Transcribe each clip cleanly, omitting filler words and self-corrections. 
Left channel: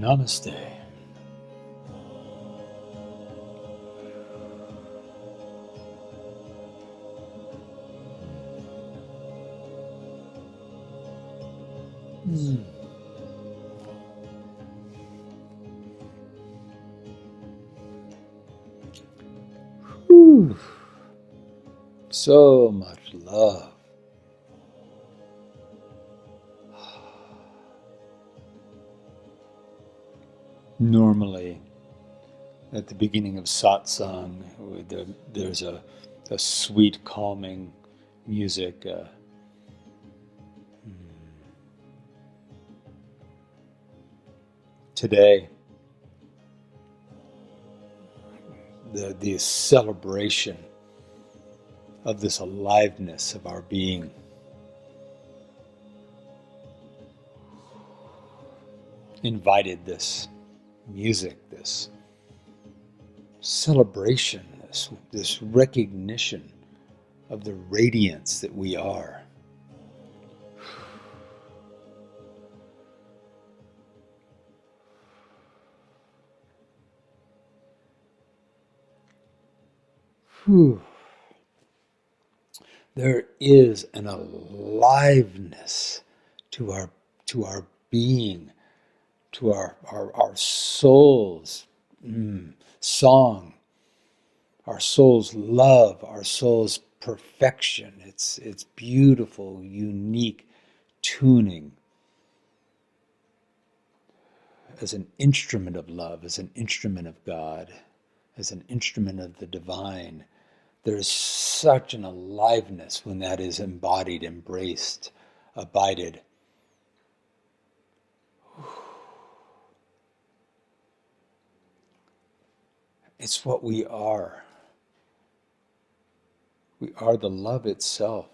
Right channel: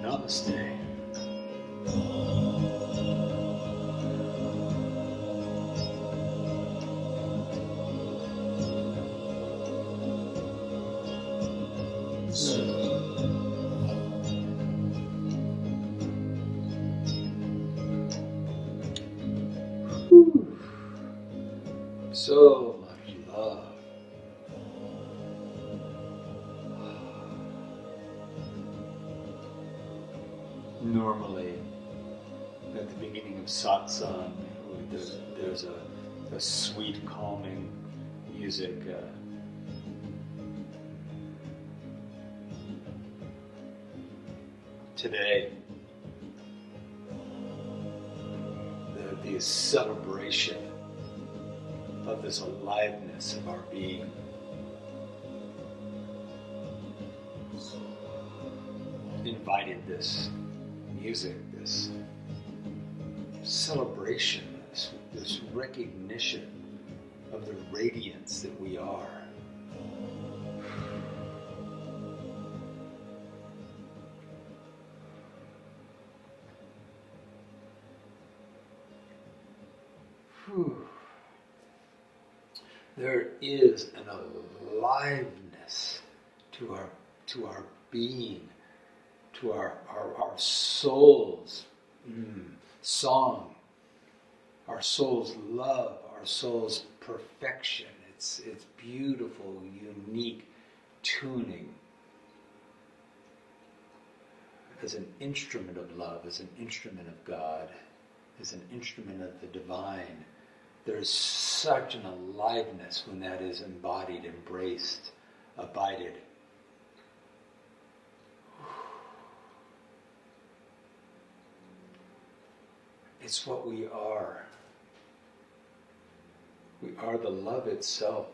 Namaste. Whew. So much love. Normally, at the beginning of satsang, there's a sweet, calming music. Today, the celebration of this aliveness of our being. Invited this music, this celebration, this recognition of the radiance that we are. Whew. There is an aliveness to our being, to our soul's song, our soul's love, our soul's perfection. It's beautiful, unique tuning as an instrument of love, as an instrument of God, as an instrument of the divine. There's such an aliveness when that is embodied, embraced, abided. It's what we are. We are the love itself.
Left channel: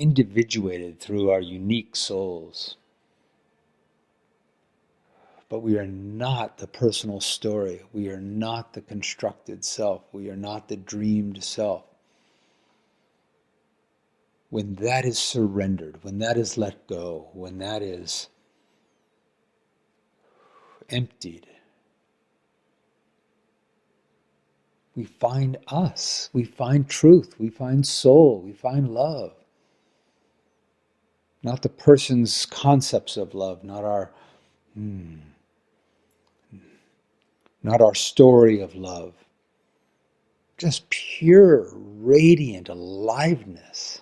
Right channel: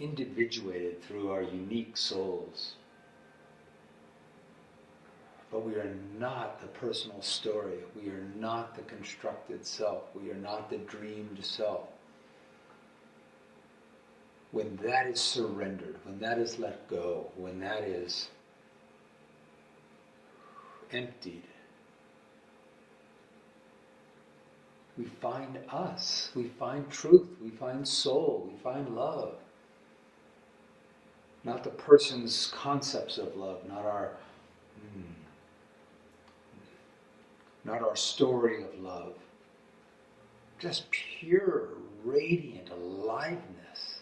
Individuated through our unique souls. But we are not the personal story. We are not the constructed self. We are not the dreamed self. When that is surrendered, when that is let go, when that is emptied, we find us, we find truth, we find soul, we find love. Not the person's concepts of love, not our story of love. Just pure, radiant aliveness.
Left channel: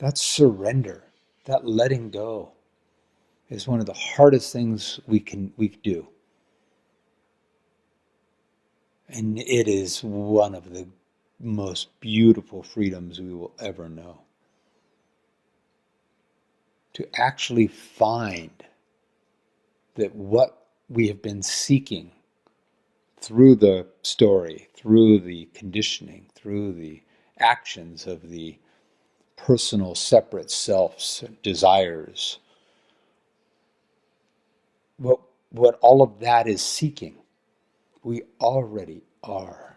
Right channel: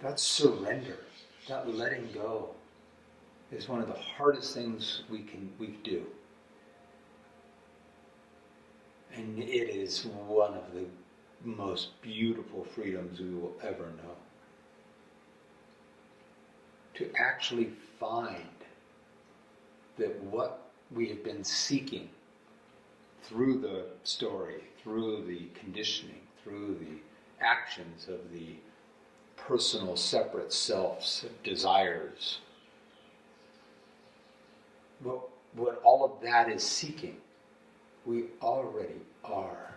That surrender, that letting go, is one of the hardest things we can do. And it is one of the most beautiful freedoms we will ever know. To actually find that what we have been seeking through the story, through the conditioning, through the actions of the personal separate self's desires, what all of that is seeking, we already are.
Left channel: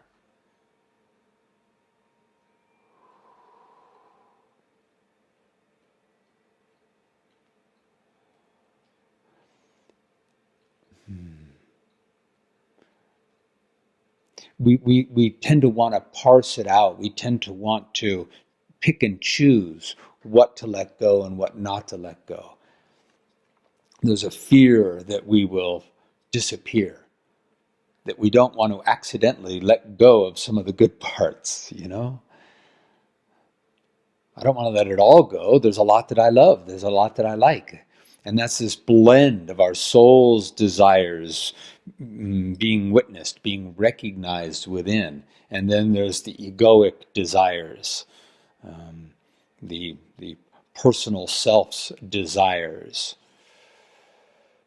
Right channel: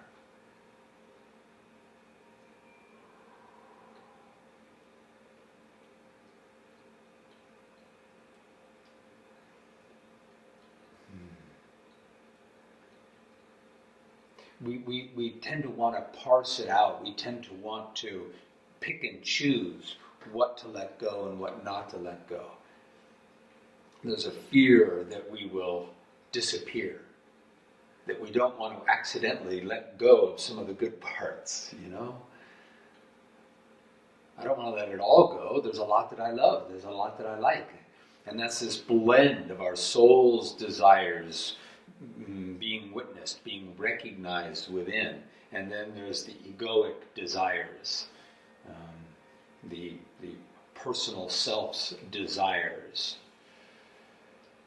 We tend to want to parse it out. We tend to want to pick and choose what to let go and what not to let go. There's a fear that we will disappear, that we don't want to accidentally let go of some of the good parts, I don't want to let it all go. There's a lot that I love. There's a lot that I like. And that's this blend of our soul's desires being witnessed, being recognized within. And then there's the egoic desires, the personal self's desires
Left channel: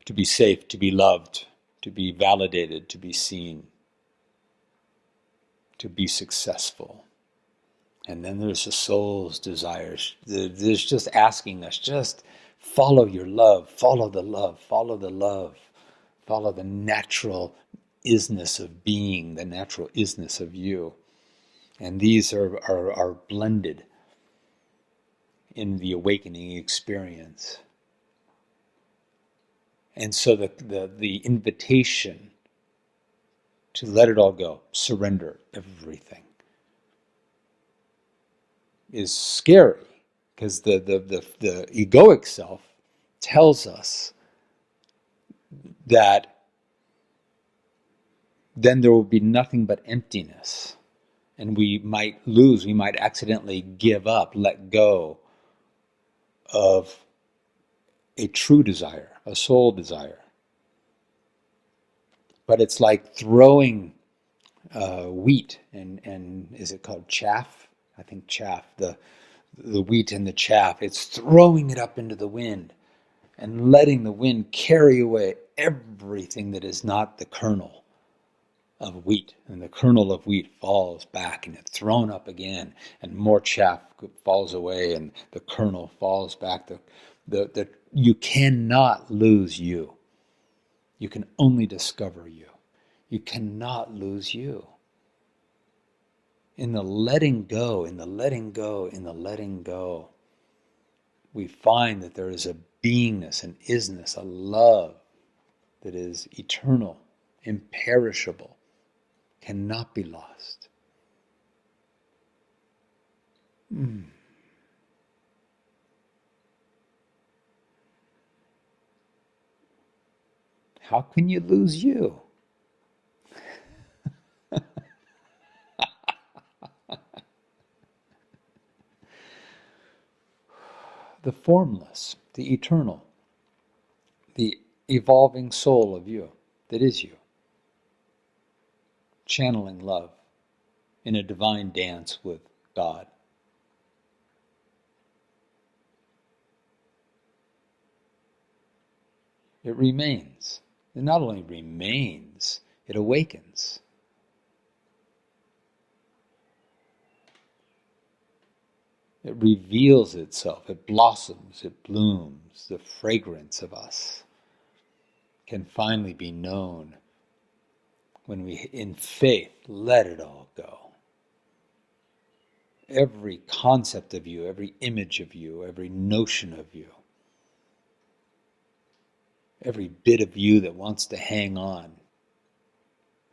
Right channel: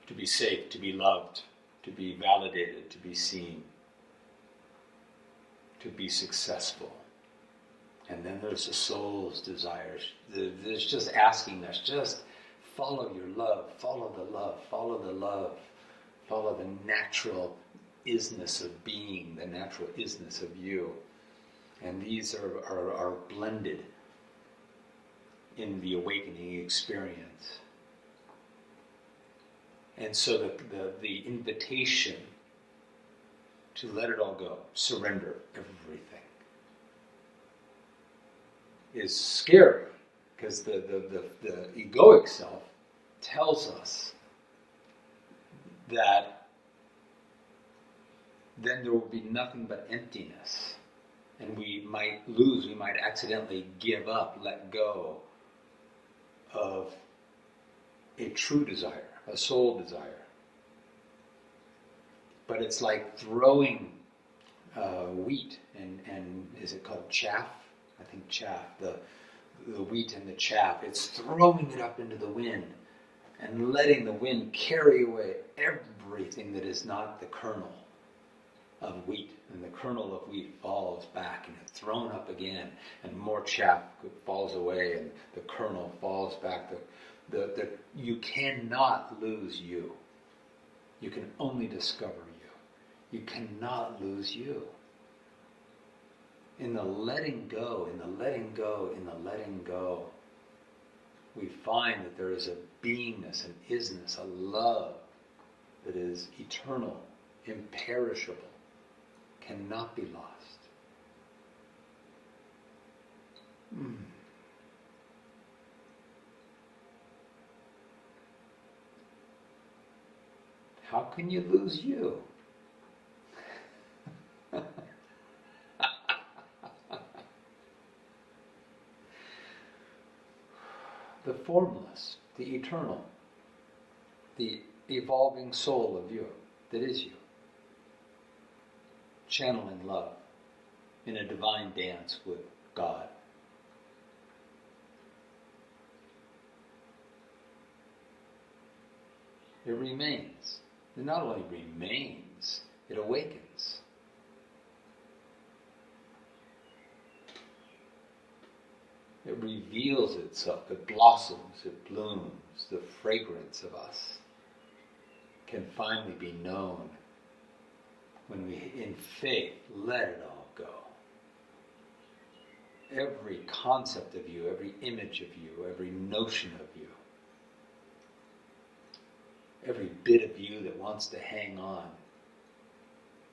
to be safe, to be loved, to be validated, to be seen, to be successful. And then there's the soul's desires. There's just asking us, just follow your love, follow the love, follow the love, Follow the natural isness of being, the natural isness of you. And these are blended in the awakening experience. And so the invitation to let it all go, surrender everything, is scary, because the egoic self tells us that then there will be nothing but emptiness, and we might accidentally give up, let go of a true desire, a soul desire. But it's like throwing wheat and is it called chaff? I think chaff, the wheat and the chaff. It's throwing it up into the wind and letting the wind carry away everything that is not the kernel of wheat. And the kernel of wheat falls back and it's thrown up again, and more chaff falls away and the kernel falls back. You cannot lose you. You can only discover you. You cannot lose you. In the letting go, in the letting go, in the letting go, we find that there is a beingness, an isness, a love that is eternal, imperishable, cannot be lost. How can you lose you? The formless, the eternal, the evolving soul of you, that is you, channeling love in a divine dance with God. It remains. It not only remains, it awakens. It reveals itself, it blossoms, it blooms. The fragrance of us can finally be known when we, in faith, let it all go. Every concept of you, every image of you, every notion of you, every bit of you that wants to hang on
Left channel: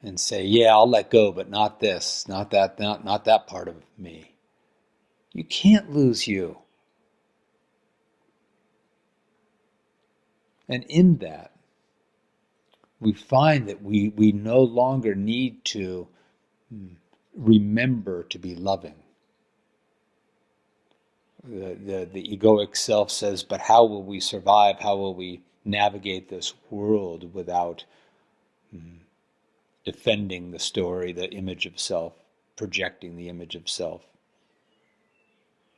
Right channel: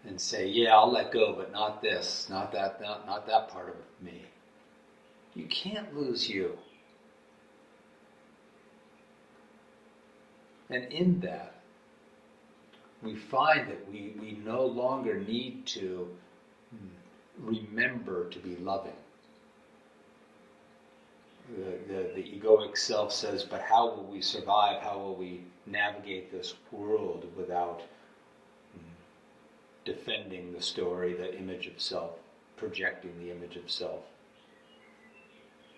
and say, yeah, I'll let go, but not this, not that, not that part of me. You can't lose you. And in that, we find that we no longer need to remember to be loving. The egoic self says, but how will we survive? How will we navigate this world without defending the story, the image of self, projecting the image of self,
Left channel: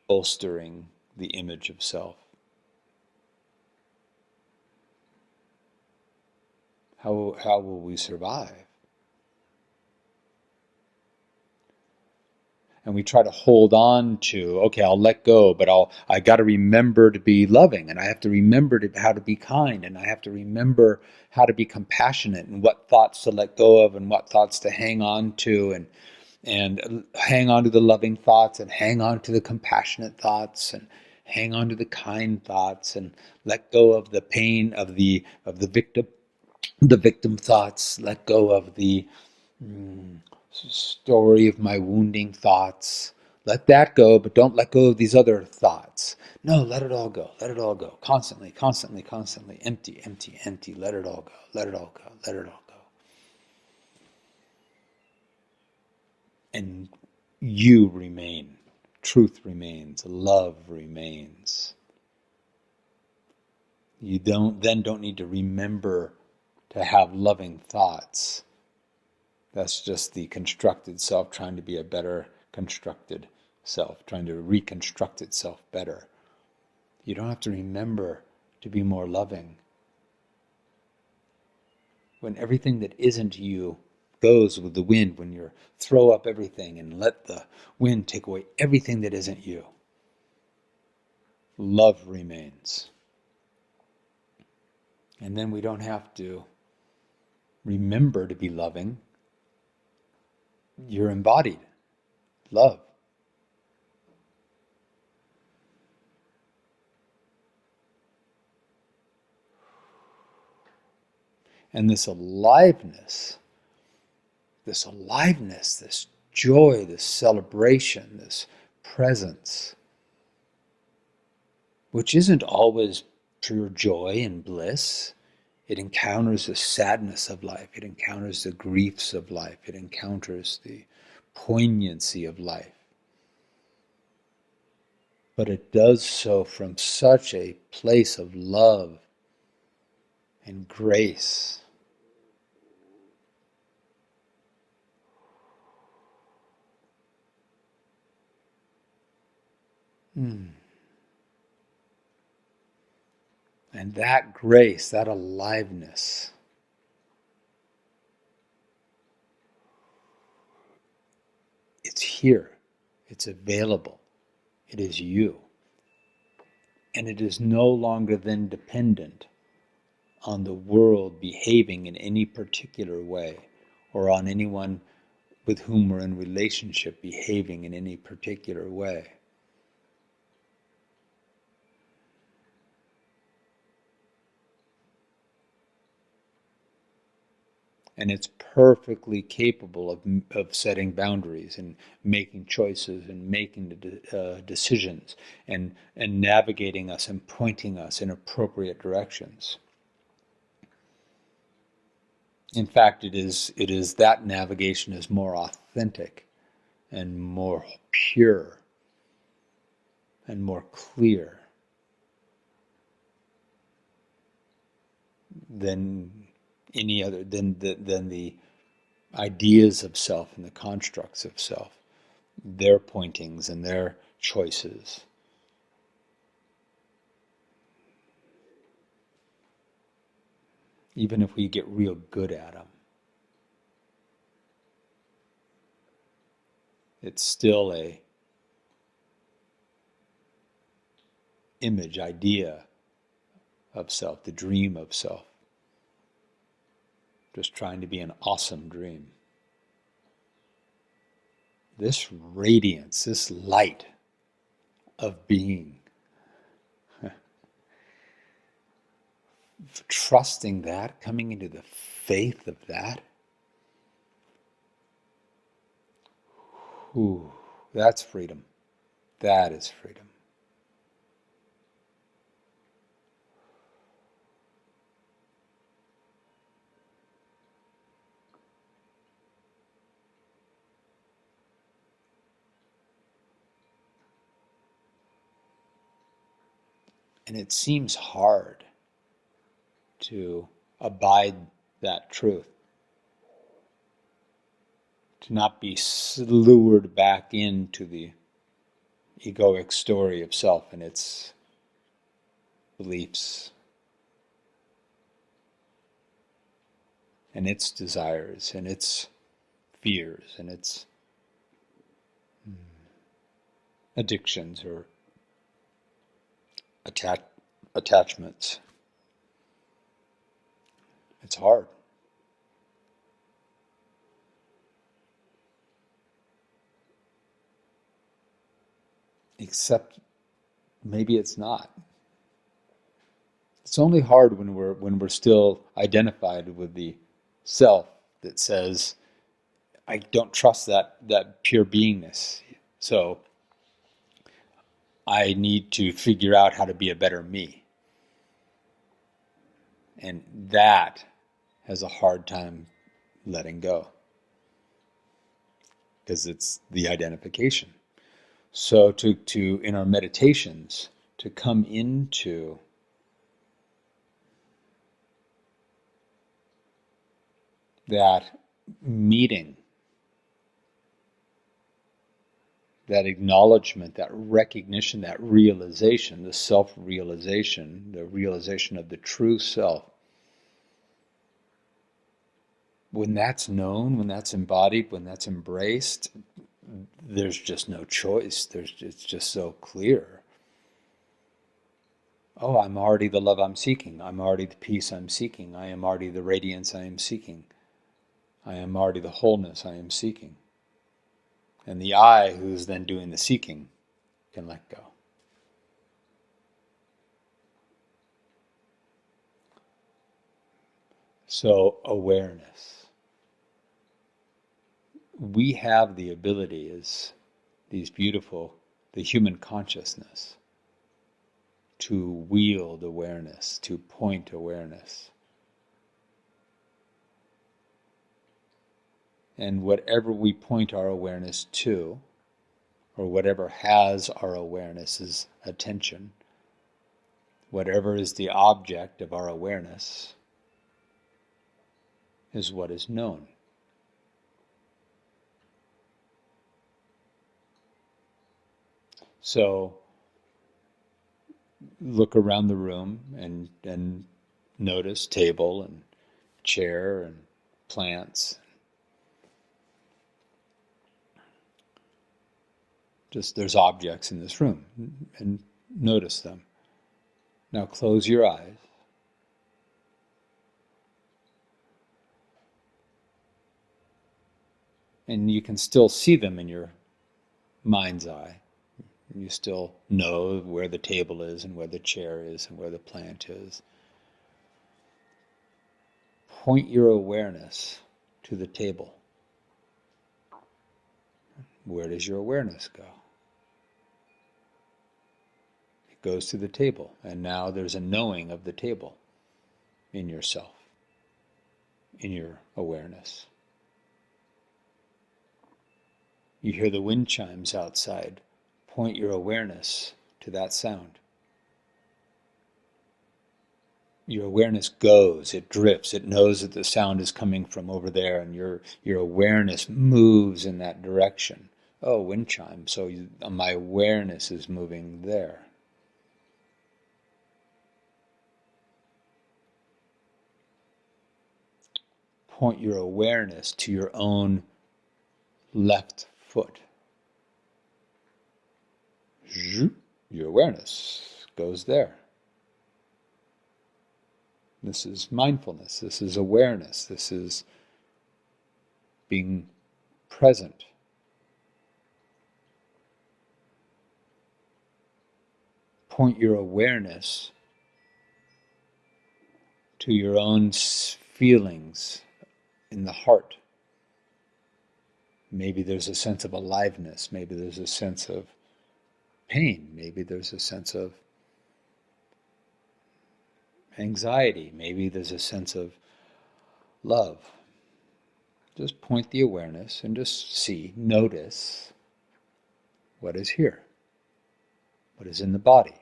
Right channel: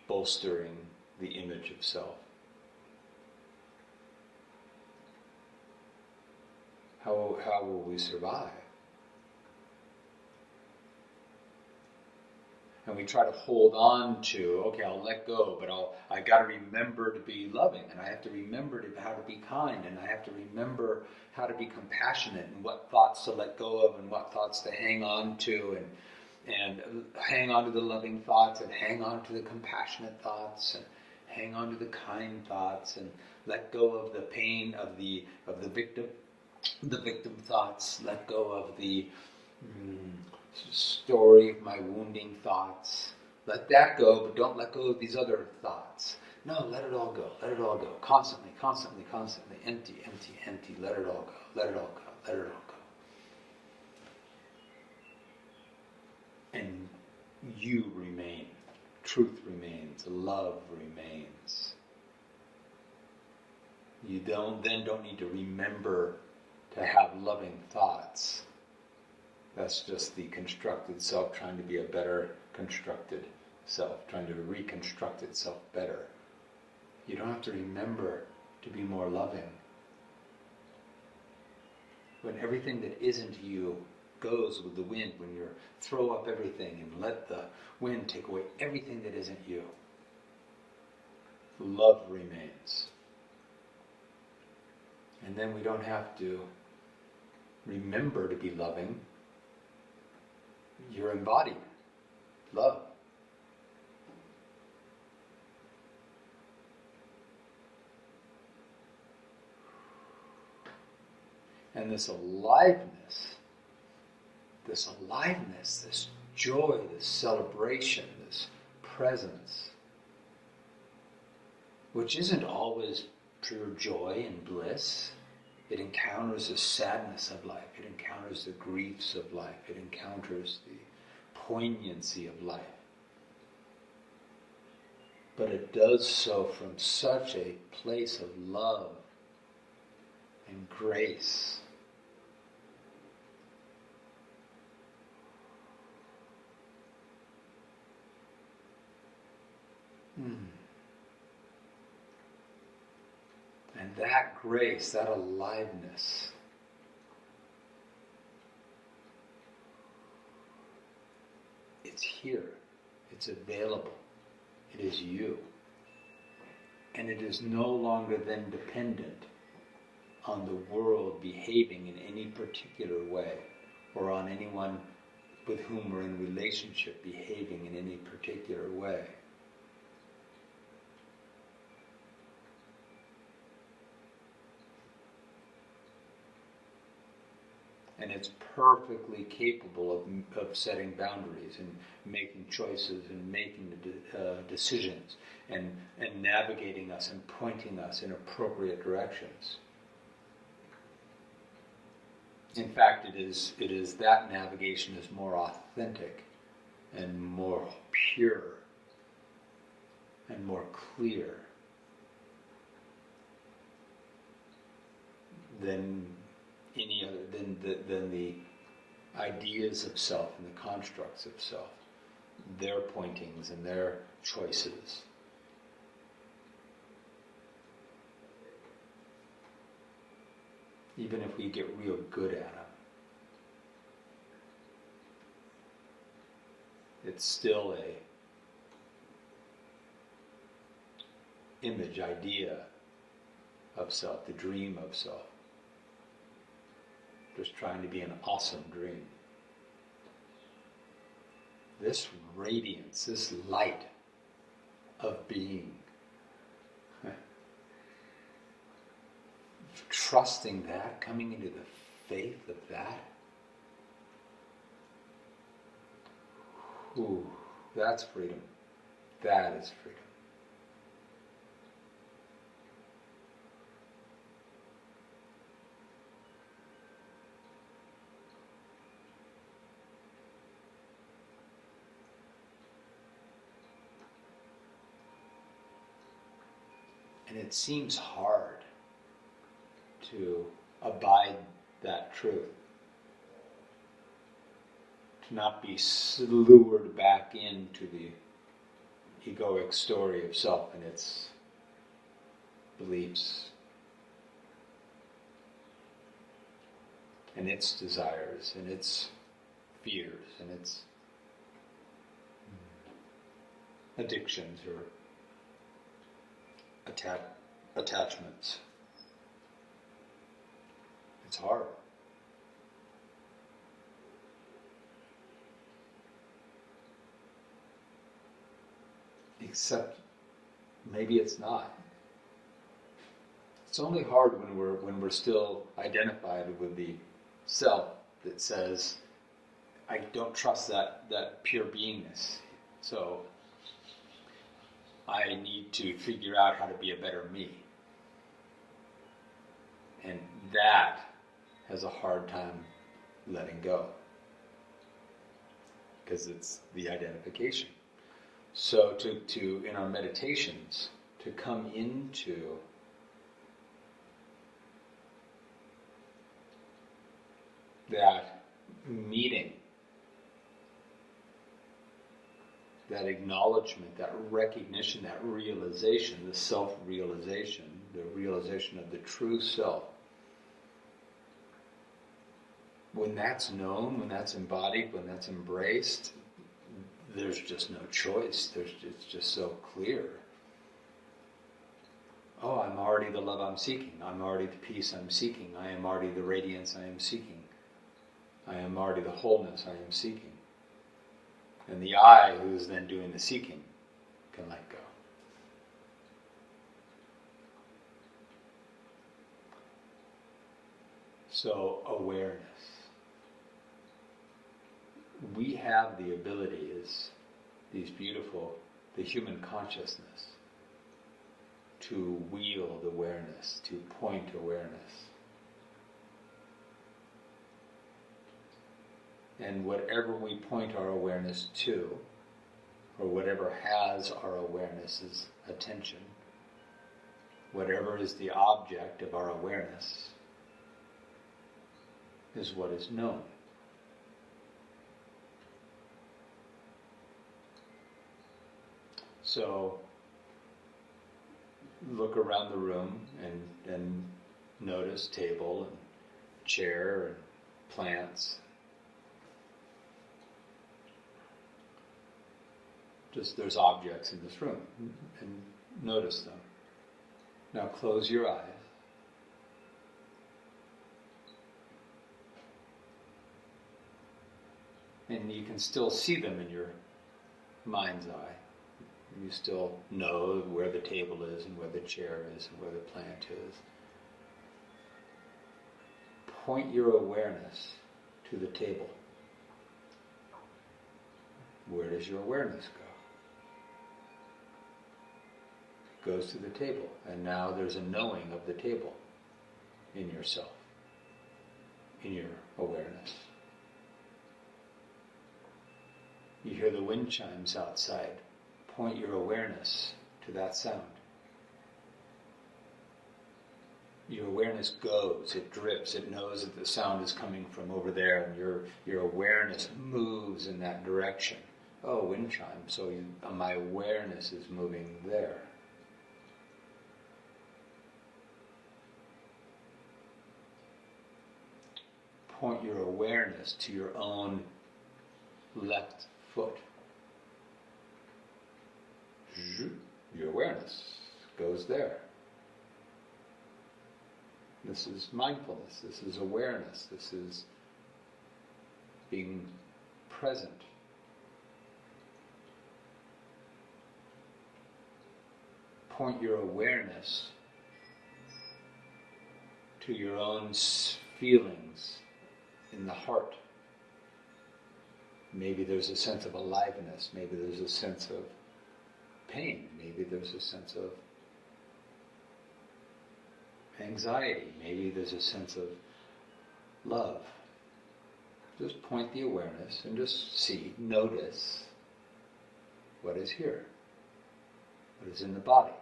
bolstering the image of self? How will we survive? And we try to hold on to, okay, I'll let go, but I got to remember to be loving, and I have to remember how to be kind, and I have to remember how to be compassionate, and what thoughts to let go of, and what thoughts to hang on to, and hang on to the loving thoughts, and hang on to the compassionate thoughts, and hang on to the kind thoughts, and let go of the pain of the victim thoughts, let go of the story of my wounding thoughts. Let that go, but don't let go of these other thoughts. No, let it all go. Let it all go. Constantly, constantly, constantly. Empty, empty, empty. Let it all go. Let it all go. Let it all go. And you remain. Truth remains. Love remains. You don't need to remember to have loving thoughts. That's just the constructed self trying to be a better constructed self, trying to reconstruct itself better. You don't have to remember to be more loving. When everything that isn't you goes with the wind, when you throw up everything and let the wind take away everything that isn't you, love remains. And then we don't have to remember to be loving, you're embodied love. And this joy, this celebration, this presence, which isn't always pure joy and bliss. It encounters the sadness of life. It encounters the griefs of life. It encounters the poignancy of life. But it does so from such a place of love and grace. And that grace, that aliveness, it's here. It's available. It is you. And it is no longer then dependent on the world behaving in any particular way, or on anyone with whom we're in relationship behaving in any particular way. And it's perfectly capable of setting boundaries and making choices and making decisions and navigating us and pointing us in appropriate directions. In fact, it is that navigation is more authentic and more pure and more clear than any other than the ideas of self and the constructs of self, their pointings and their choices. Even if we get real good at them, it's still a image, idea of self, the dream of self. Just trying to be an awesome dream. This radiance, this light of being, trusting that, coming into the faith of that, that's freedom. That is freedom. And it seems hard to abide that truth, to not be lured back into the egoic story of self and its beliefs and its desires and its fears and its addictions or attachments. It's hard. Except maybe it's not. It's only hard when we're still identified with the self that says, I don't trust that pure beingness. So I need to figure out how to be a better me. And that has a hard time letting go, because it's the identification. So to in our meditations, to come into that meeting, that acknowledgement, that recognition, that realization, the self-realization, the realization of the true self. When that's known, when that's embodied, when that's embraced, there's just no choice. It's just so clear. Oh, I'm already the love I'm seeking. I'm already the peace I'm seeking. I am already the radiance I am seeking. I am already the wholeness I am seeking. And the I, who's then doing the seeking, can let go. So, awareness. We have the ability as these beautiful, the human consciousness, to wield awareness, to point awareness. And whatever we point our awareness to, or whatever has our awareness's attention, whatever is the object of our awareness, is what is known. So look around the room and notice table and chair and plants. Just there's objects in this room and notice them. Now close your eyes. And you can still see them in your mind's eye. You still know where the table is and where the chair is and where the plant is. Point your awareness to the table. Where does your awareness go? It goes to the table, and now there's a knowing of the table in yourself, in your awareness. You hear the wind chimes outside. Point your awareness to that sound. Your awareness goes, it drifts, it knows that the sound is coming from over there, and your awareness moves in that direction. Oh, wind chime, so my awareness is moving there. Point your awareness to your own left foot. Your awareness goes there. This is mindfulness, this is awareness, this is being present. Point your awareness to your own feelings in the heart. Maybe there's a sense of aliveness, maybe there's a sense of pain, maybe there's a sense of anxiety, maybe there's a sense of love. Just point the awareness and just see, notice what is here, what is in the body.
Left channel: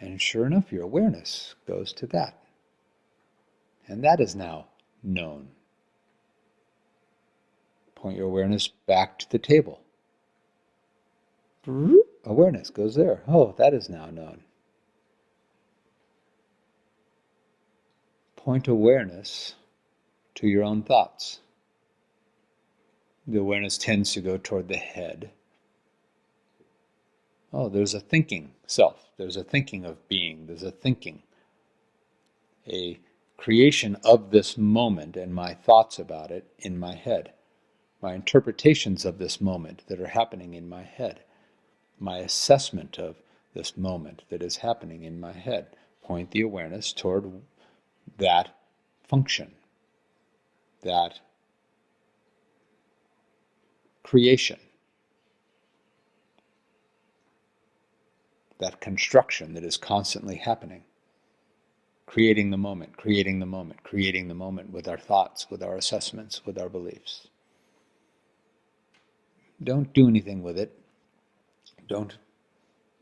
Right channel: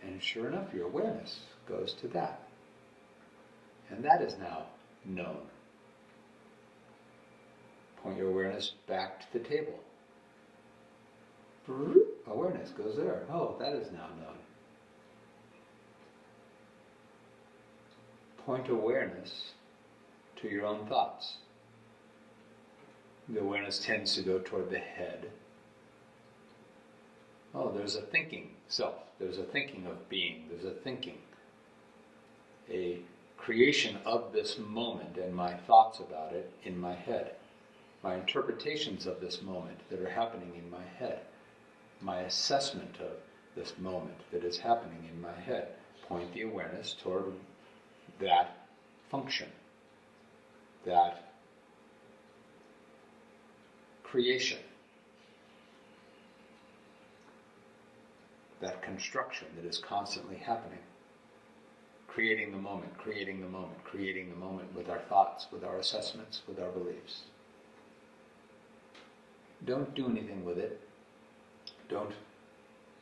And sure enough, your awareness goes to that. And that is now known. Point your awareness back to the table. Awareness goes there. Oh, that is now known. Point awareness to your own thoughts. The awareness tends to go toward the head. Oh, there's a thinking self. There's a thinking of being. There's a thinking. A creation of this moment and my thoughts about it in my head. My interpretations of this moment that are happening in my head. My assessment of this moment that is happening in my head. Point the awareness toward that function, that creation, that construction that is constantly happening. Creating the moment, creating the moment, creating the moment with our thoughts, with our assessments, with our beliefs. Don't do anything with it. Don't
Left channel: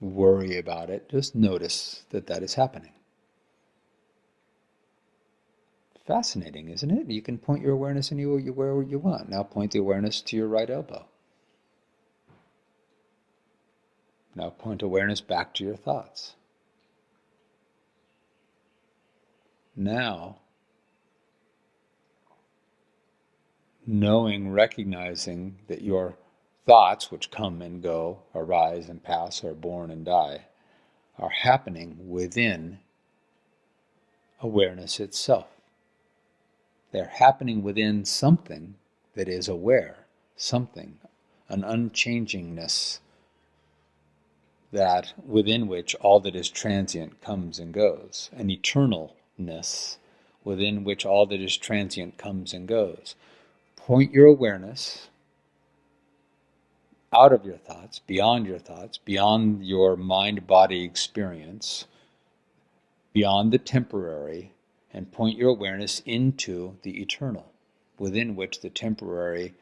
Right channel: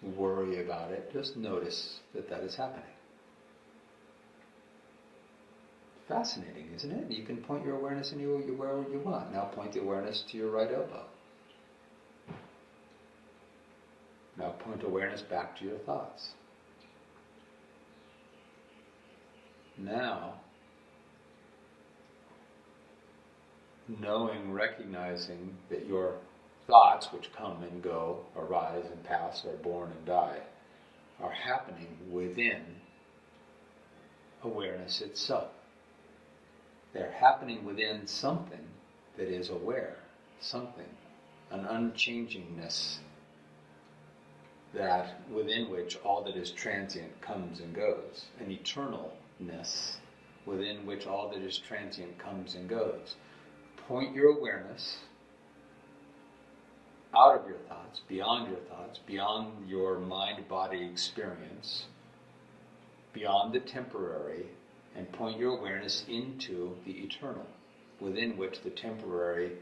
worry about it. Just notice that that is happening. Fascinating, isn't it? You can point your awareness anywhere you want. Now point the awareness to your right elbow. Now point awareness back to your thoughts. Now, knowing, recognizing that your thoughts, which come and go, arise and pass, are born and die, are happening within awareness itself. They're happening within something that is aware, something, an unchangingness that within which all that is transient comes and goes, an eternalness within which all that is transient comes and goes. Point your awareness out of your thoughts, beyond your mind-body experience, beyond the temporary, and point your awareness into the eternal, within which the temporary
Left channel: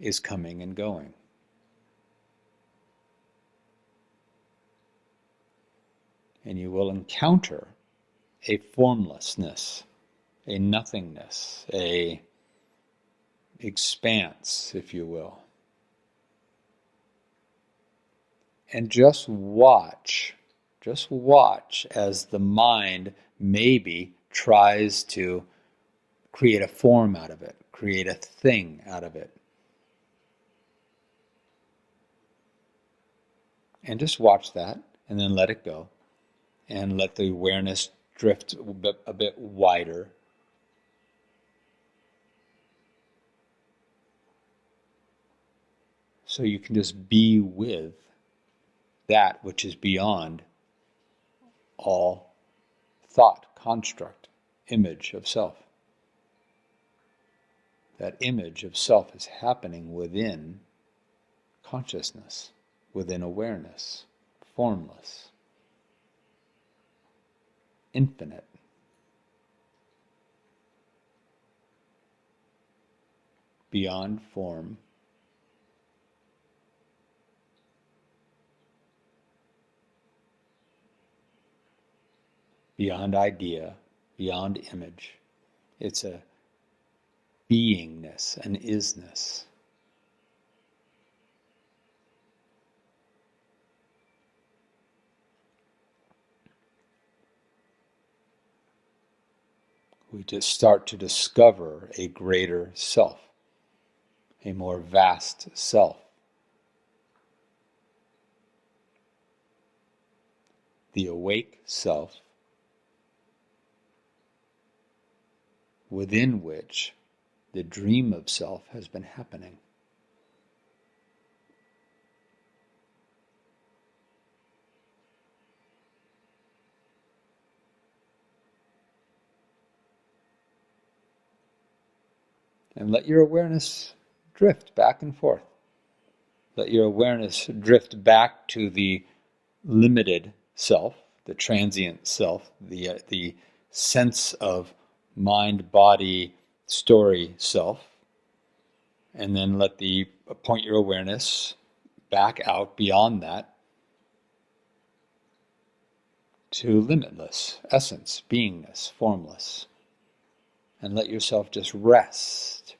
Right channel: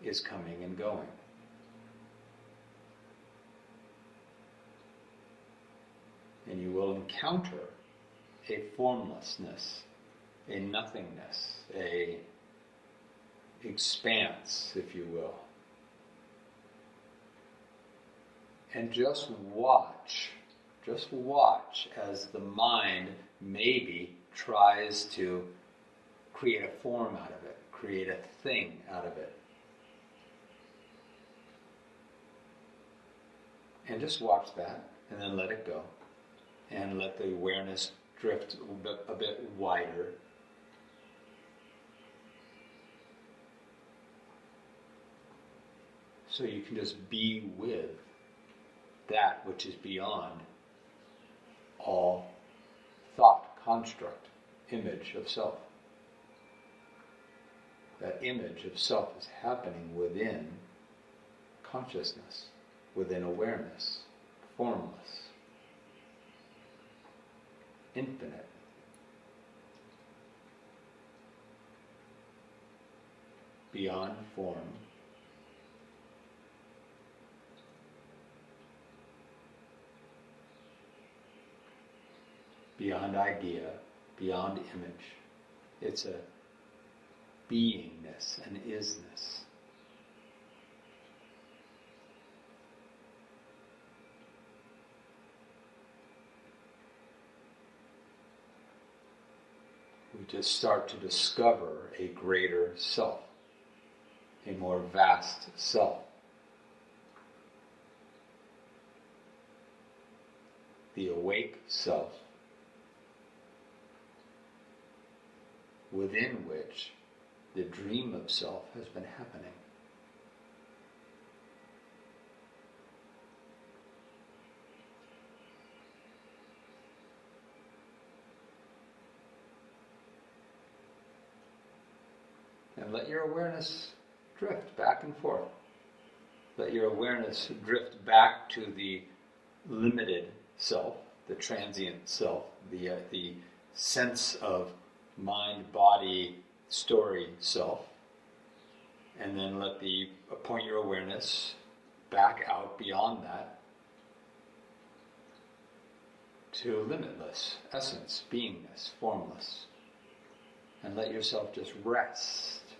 is coming and going. And you will encounter a formlessness, a nothingness, a expanse, if you will. And just watch as the mind maybe tries to create a form out of it, create a thing out of it. And just watch that, and then let it go. And let the awareness drift a bit wider. So you can just be with that which is beyond all thought, construct, image of self. That image of self is happening within consciousness, within awareness, formless, infinite. Beyond form, beyond idea, beyond image. It's a beingness, an isness. We just start to discover a greater self, a more vast self. The awake self, within which the dream of self has been happening. And let your awareness drift back and forth. Let your awareness drift back to the limited self, the transient self, the sense of mind, body, story self, and then point your awareness back out beyond that to limitless essence, beingness, formless, and let yourself just rest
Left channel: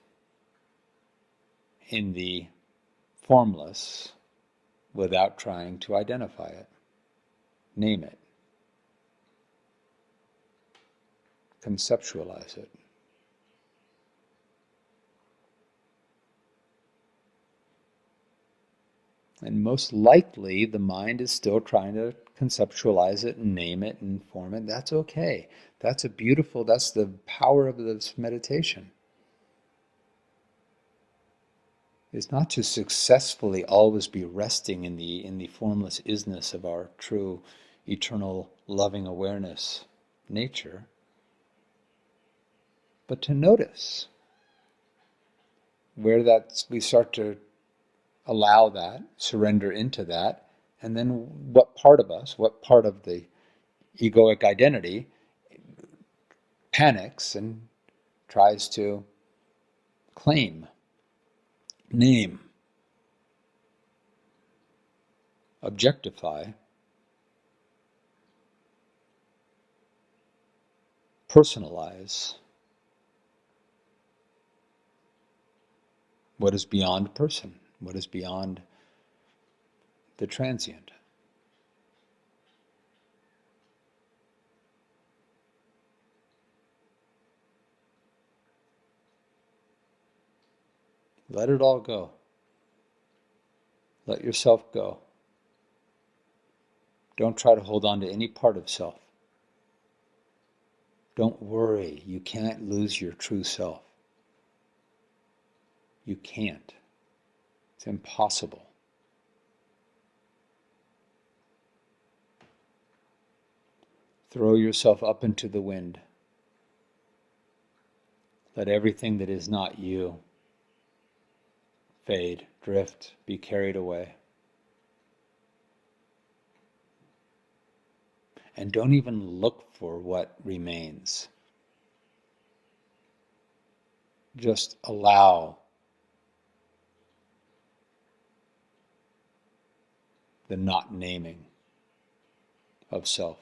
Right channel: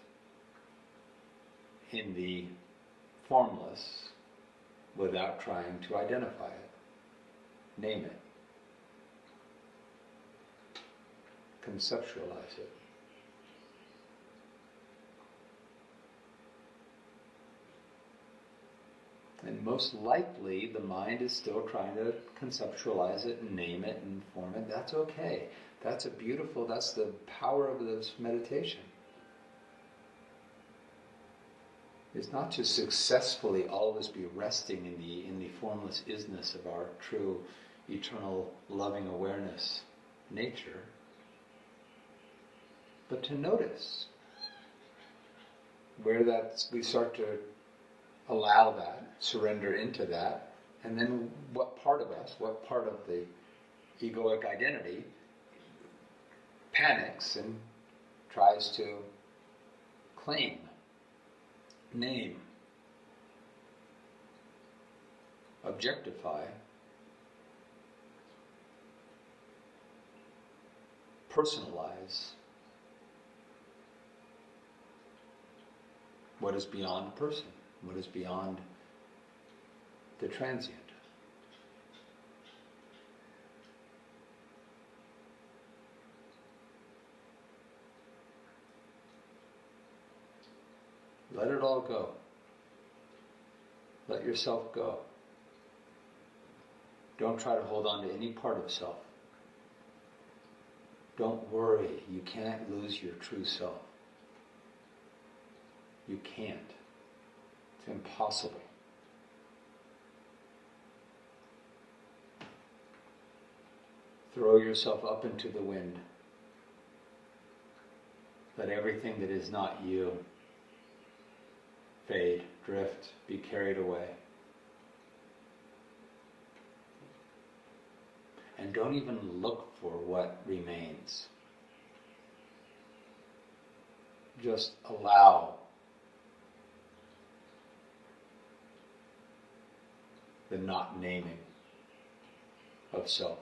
in the formless without trying to identify it, name it, conceptualize it. And most likely the mind is still trying to conceptualize it and name it and form it. That's okay. That's the power of this meditation. Is not to successfully always be resting in the formless isness of our true, eternal, loving awareness nature, but to notice where we start to allow that, surrender into that, and then what part of the egoic identity panics and tries to claim, name, objectify, personalize what is beyond person, what is beyond the transient. Let it all go. Let yourself go. Don't try to hold on to any part of self. Don't worry. You can't lose your true self. You can't. It's impossible. Throw yourself up into the wind. Let everything that is not you fade, drift, be carried away. And don't even look for what remains. Just allow the not naming of self.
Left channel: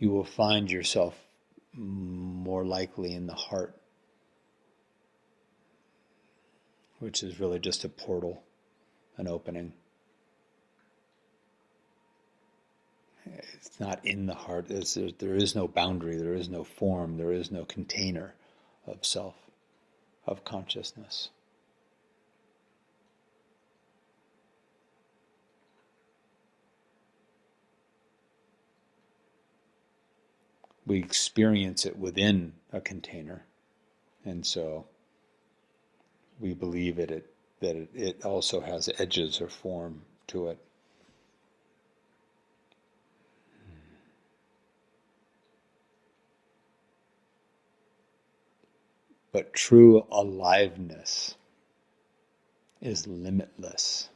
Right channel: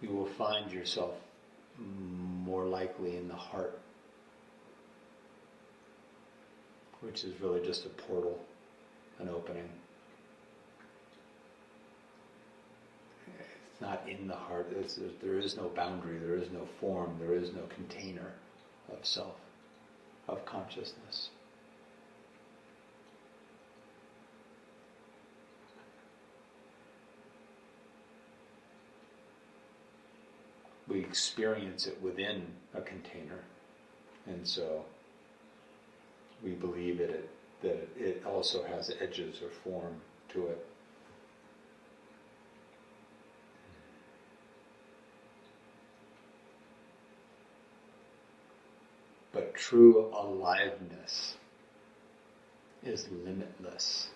You will find yourself more likely in the heart, which is really just a portal, an opening. It's not in the heart. There is no boundary, there is no form, there is no container of self, of consciousness. We experience it within a container, and so we believe that it also has edges or form to it. But true aliveness is limitless.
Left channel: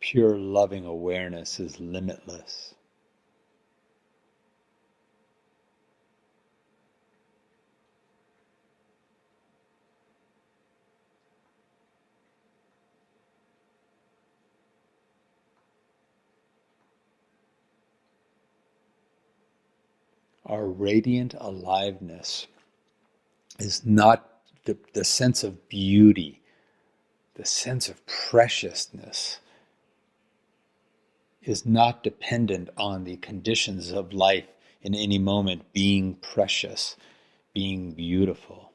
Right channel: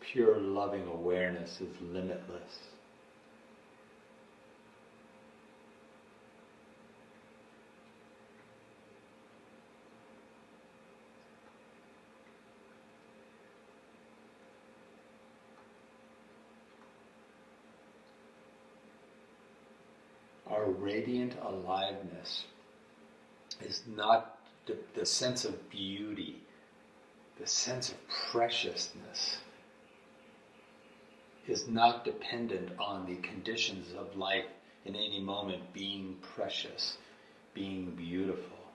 Pure loving awareness is limitless. Our radiant aliveness is not the sense of beauty, the sense of preciousness is not dependent on the conditions of life in any moment being precious, being beautiful.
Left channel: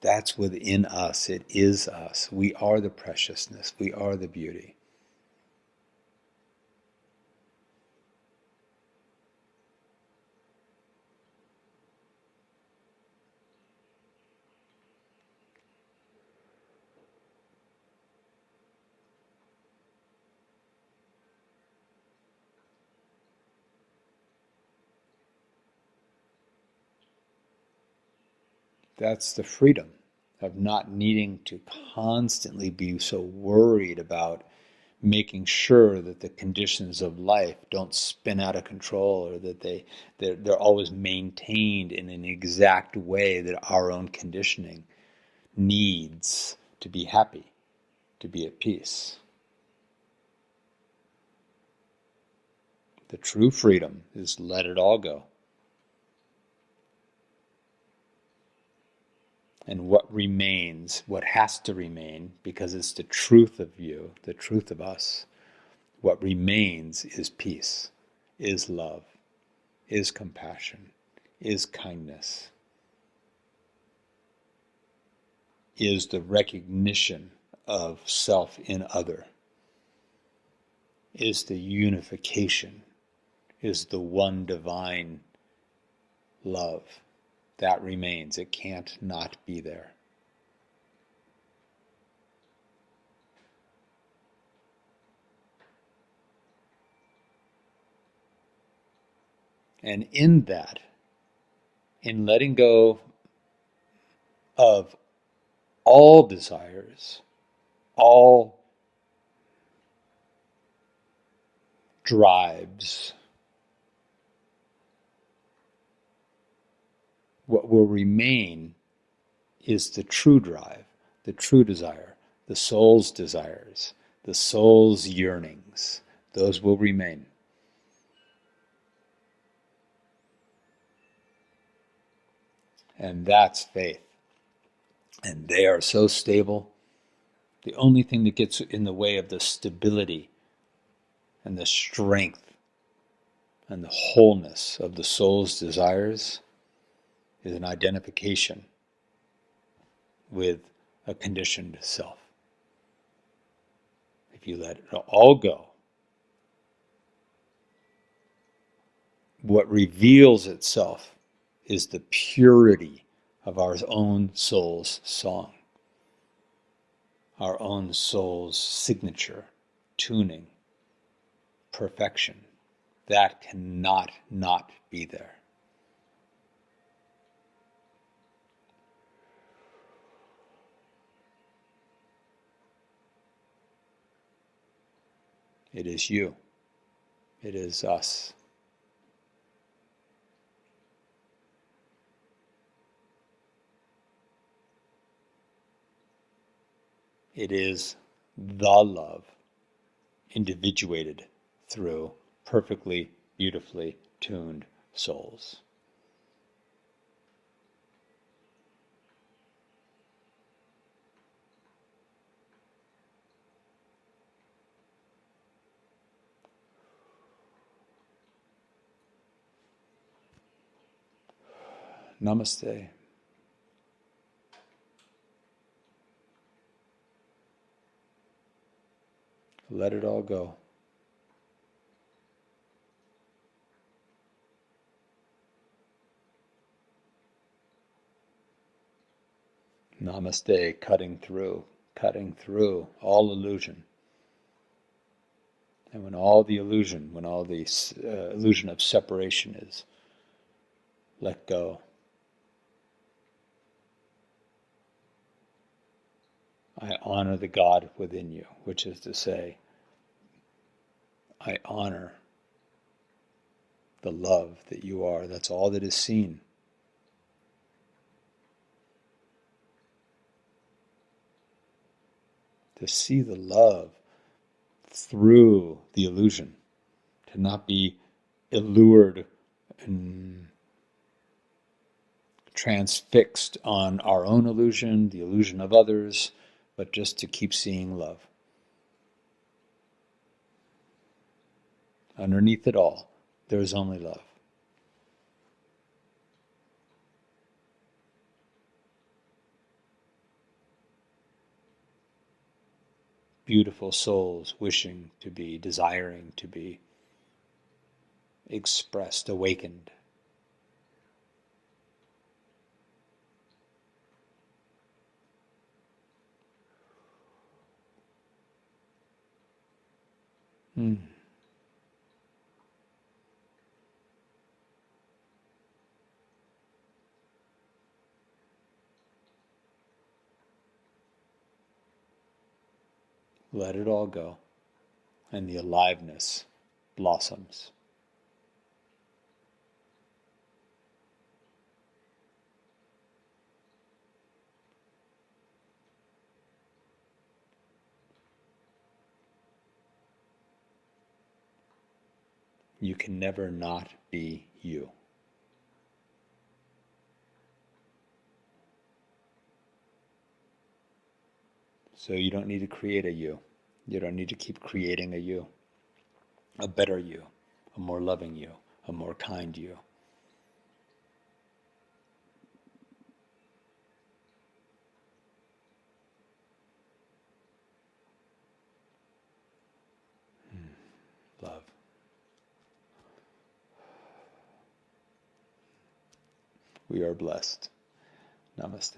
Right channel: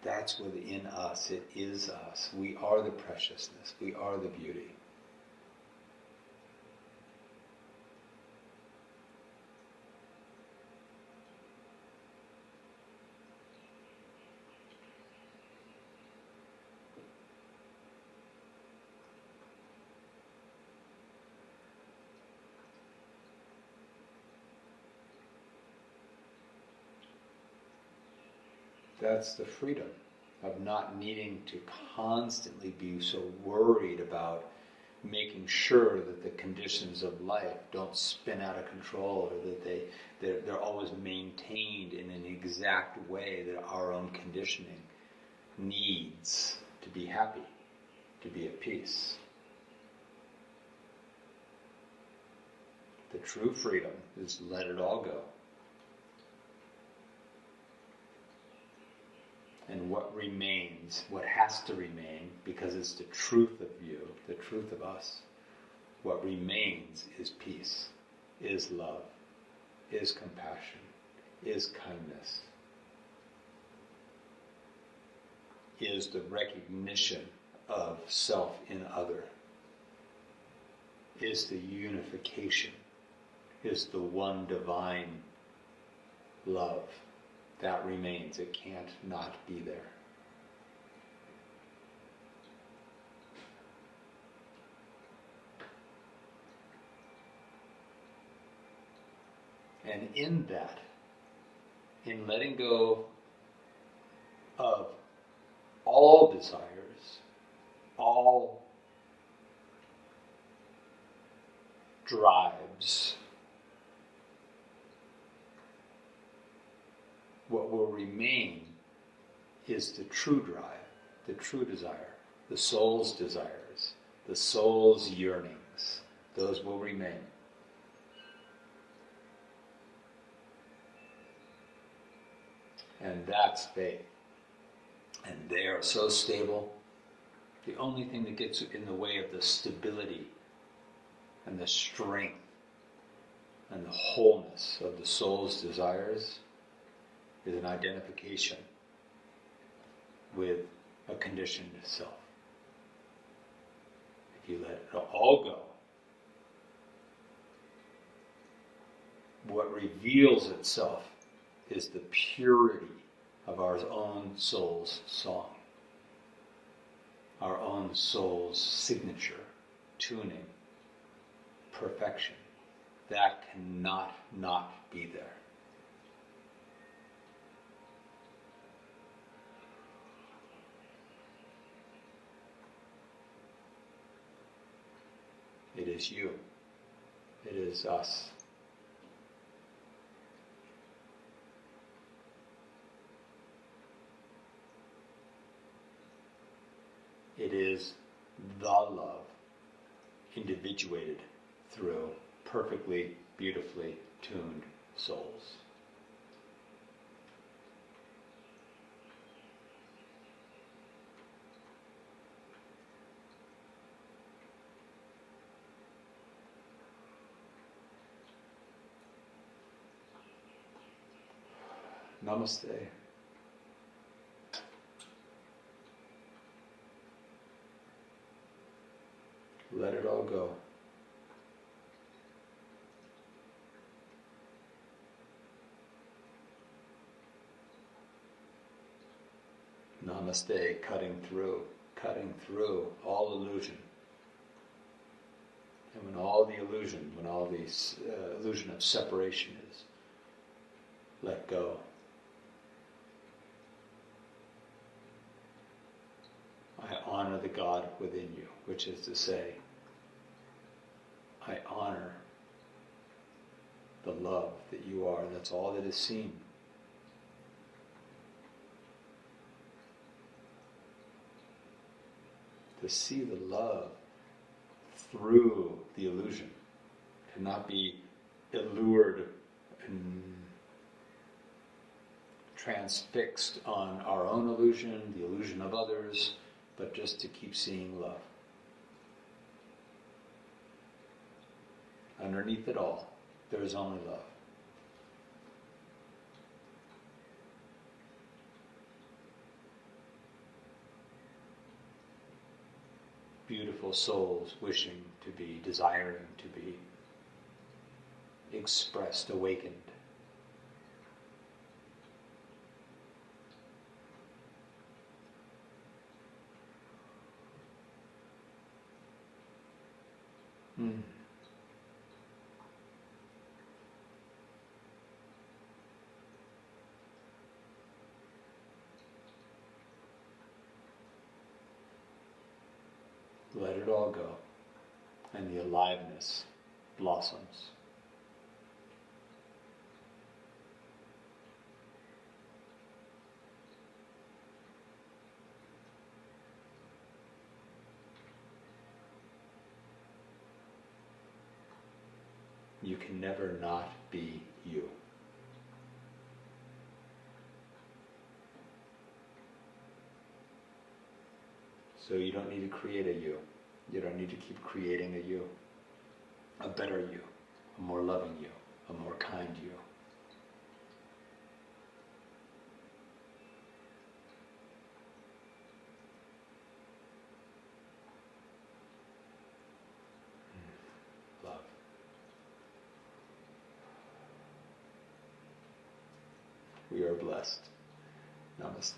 That's within us. It is us. We are the preciousness. We are the beauty. That's the freedom of not needing to constantly be so worried about making sure that the conditions of life don't spin out of control, or that they're always maintained in an exact way that our own conditioning needs to be happy, to be at peace. The true freedom is let it all go. And what remains, what has to remain, because it's the truth of you, the truth of us, what remains is peace, is love, is compassion, is kindness, is the recognition of self in other, is the unification, is the one divine love. That remains. It can't not be there. And in that, in letting go of all desires, all drives, what will remain is the true drive, the true desire, the soul's desires, the soul's yearnings. Those will remain. And that's faith. And they are so stable. The only thing that gets in the way of the stability and the strength and the wholeness of the soul's desires is an identification with a conditioned self. If you let it all go, what reveals itself is the purity of our own soul's song, our own soul's signature, tuning, perfection. That cannot not be there. It is you. It is us. It is the love, individuated through perfectly, beautifully tuned souls. Namaste. Let it all go. Namaste, cutting through all illusion. And when all the illusion, when all the illusion of separation is let go, I honor the God within you, which is to say, I honor the love that you are. That's all that is seen. To see the love through the illusion, to not be allured and transfixed on our own illusion, the illusion of others, but just to keep seeing love. Underneath it all, there is only love. Beautiful souls wishing to be, desiring to be expressed, awakened. Let it all go, and the aliveness blossoms. You can never not be you. So you don't need to create a you. You don't need to keep creating a you. A better you, a more loving you, a more kind you. Love. We are blessed. Namaste.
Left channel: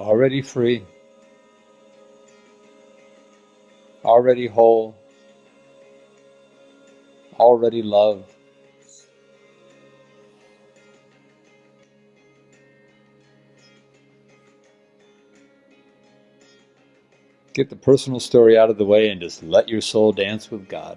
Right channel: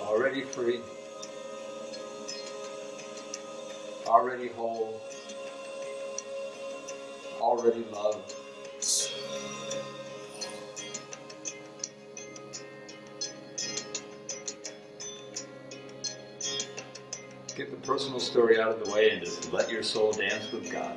Already free, already whole, already loved. get the personal story out of the way and just let your soul dance with God.